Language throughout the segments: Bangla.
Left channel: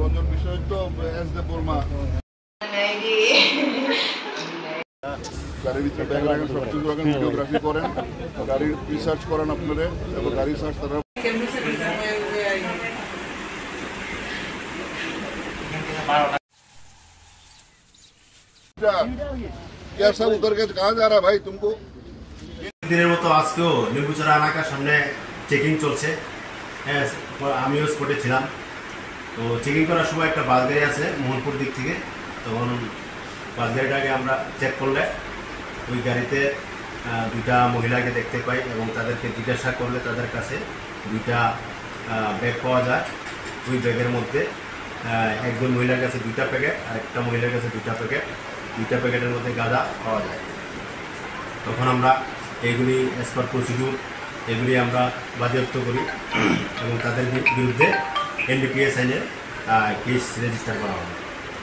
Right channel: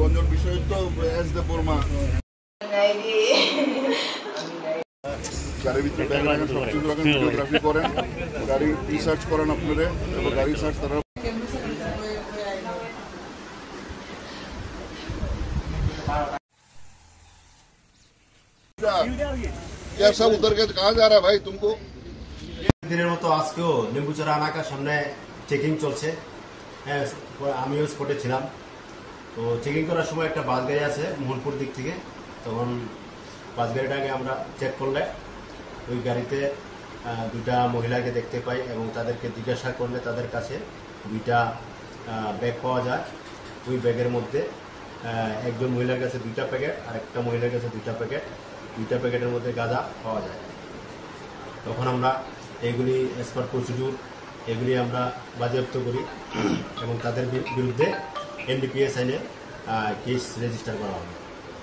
রঞ্জন বিশ্ববিদ্যালয় এস দে বর্মা গাড়ির ভিতরে ভিডিওগ্রাফি করেন, গাড়ির রিসার্চ করেন আপনারা, গাড়ি সার্চ তারা क्या सब उतर के कहाँ जा रहा है भाई तुमको? দিনের মতো আজকেও নিম্বুচড়া এলাকার সামনে চেকিং চলছে। হ্যাঁ, আমিও স্পটে ছিলাম। তো চেকিং করার সময় একটা বাস গাড়ি আছে মোহনপুর দিক থেকে, তখন বাস গাড়িটাকে আমরা চেক করলে ওই গাড়িতে দুইটা মহিলাকে দেখতে পাই এবং তাদেরকে জিজ্ঞাসা করলে তাদের কাছে দুইটা ব্যাগ পাওয়া যায়। ওই ব্যাগের মধ্যে একজন মহিলার কাছে দুইটা প্যাকেট আর একটা মহিলার কাছে দুইটা প্যাকেট, দুইটা প্যাকেটের মধ্যে গাঁজা পাওয়া যায়। তখন আমরা এগুলি অ্যাজ পার প্রসিডিউর এগুলি আমরা বাজেয়াপ্ত করি এবং তাদের বিরুদ্ধে এনডিপিএস আইনের কেস রেজিস্টার করা হয়।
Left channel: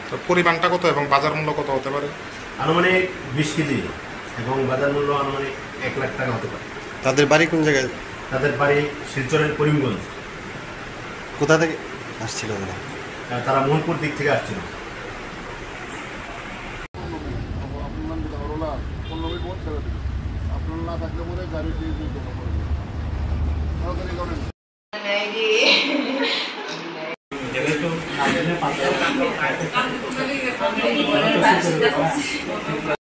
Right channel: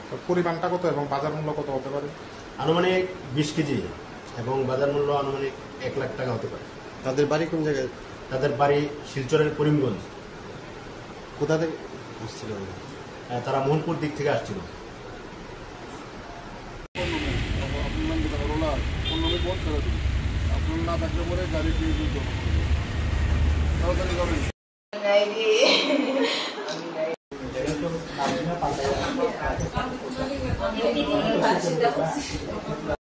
তো পরিমাণটা কত এবং বাজার মূল্য কত হতে পারে? আনুমানিক 20 কেজি এবং বাজার মূল্য আনুমানিক 1 লাখ টাকা হতে পারে। তাদের বাড়ি কোন জায়গায়? তাদের বাড়ি শিলচরের করিমগঞ্জ। কোথা থেকে আসছিল তারা? তারা মোহনপুর দিক থেকে আসছিল। আপনার না থাকলে পরে গাড়ি দিয়ে জমা করবে, তাড়াতাড়ি যাবেন।